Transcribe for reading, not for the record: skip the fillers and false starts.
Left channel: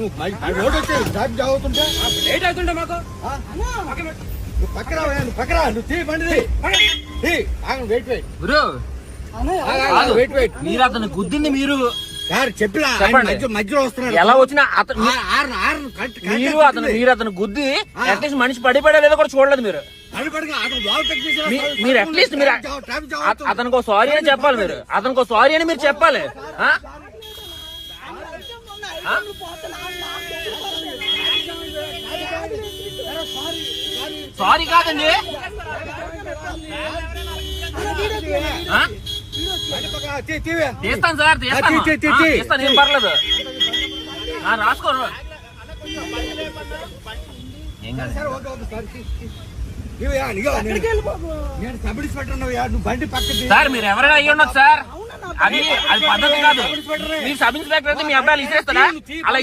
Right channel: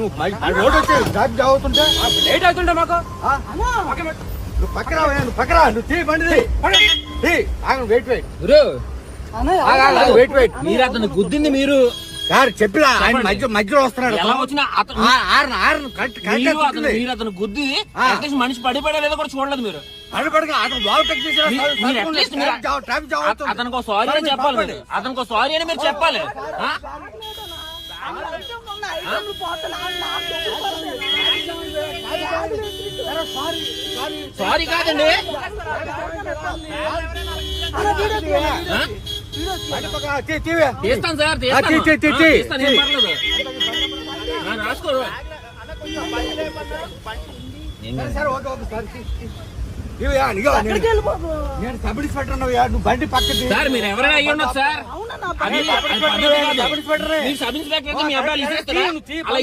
నువ్వు రోడ్ వచ్చి traffic jam అవుతుంటే లేట్ అవుతుంటే మాకు నువ్వు పక్కన నువ్వు పక్కన నువ్వు తీ బండి వెయిట్ వెయిట్ గురు వెయిట్ వెయిట్ మీరు అతను గుద్దింది మీరు సార్ చెప్పినా మధ్యలో వస్తున్నాడు. ఎలా వచ్చినా అతను మీరు అతను గుద్ది అట్లీస్ట్ మనిషి పడిపోయా లేదో కూడా చూడలేదు మీరు. మీరు అట్లీస్ట్ మీరు అతనికి సారీ అని చెప్పాలి. మీరు అతనికి సారీ అని మీరు చెప్పాలి. సారీ కాదండి, తీస్తాను సార్, తీస్తాను, ఏం పర్లేదు. రాసుకో నేను సబ్ ఇన్స్పెక్టర్ నువ్వు బండి పక్కకి సార్. మీరు ఎవరైనా అయ్యి ఉండదు సార్, అది పద్ధతి కాదు. మీరు సబ్ ఇన్స్పెక్టర్ అయితే మీ అబ్బాయిలు ఇచ్చేస్తారా? అలా